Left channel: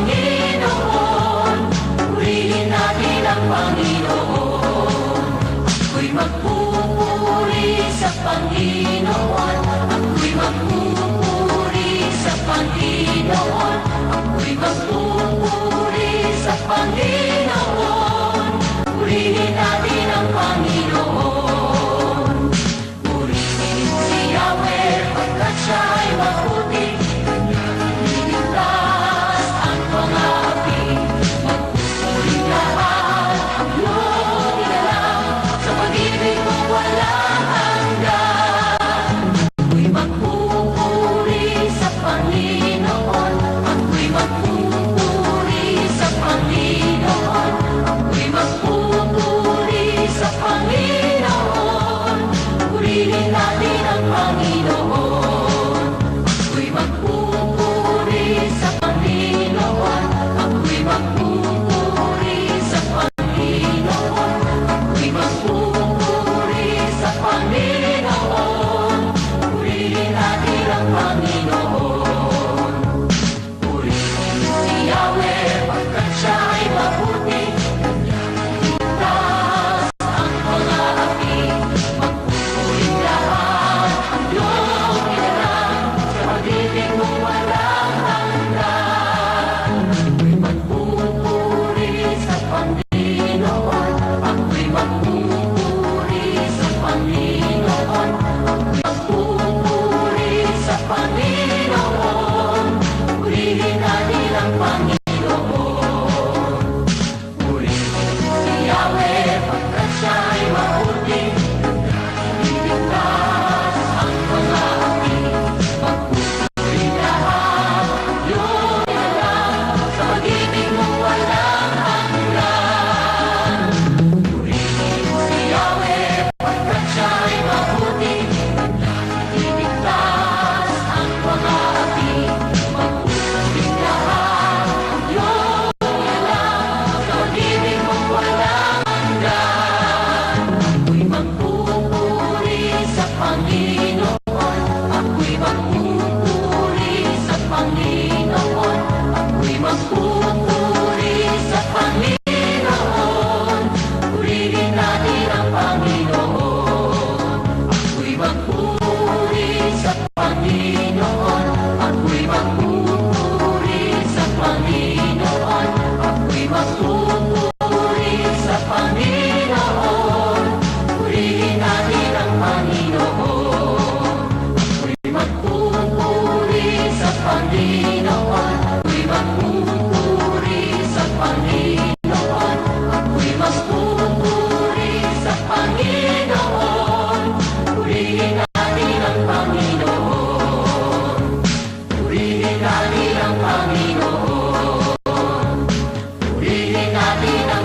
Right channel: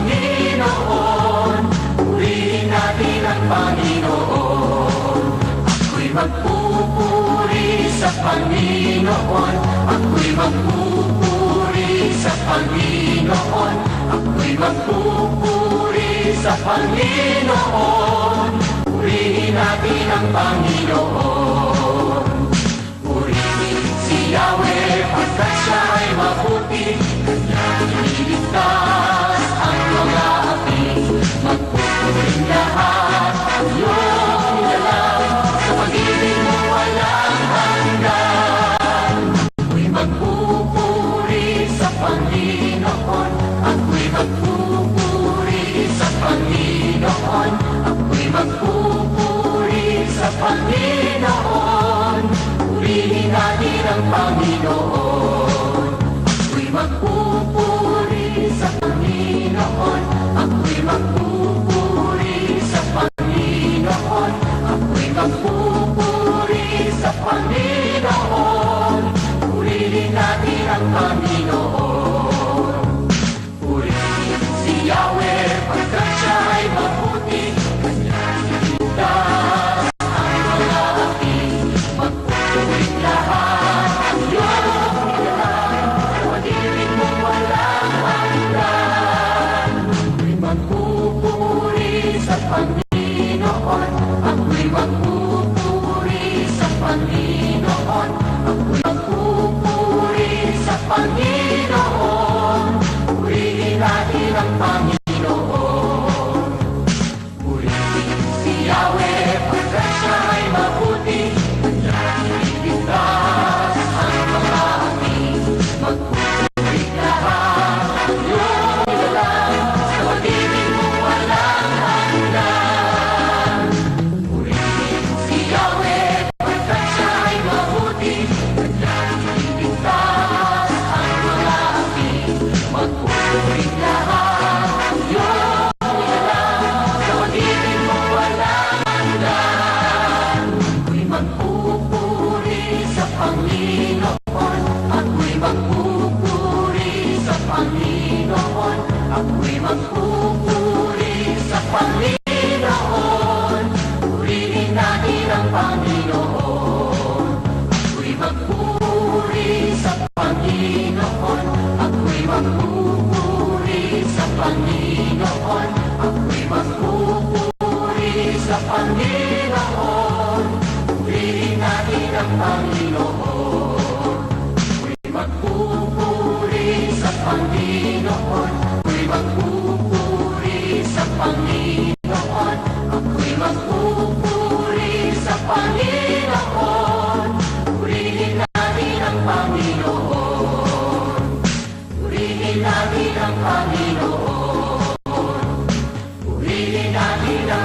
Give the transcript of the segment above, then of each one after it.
Panginoon, purihin natin ang Panginoon. Ako'y magpupuri sa Panginoon, ako'y magpupuri sa Panginoon, ako'y magpupuri sa Panginoon. Purihin natin ang Panginoon. amigo hoy.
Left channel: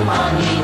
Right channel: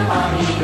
money.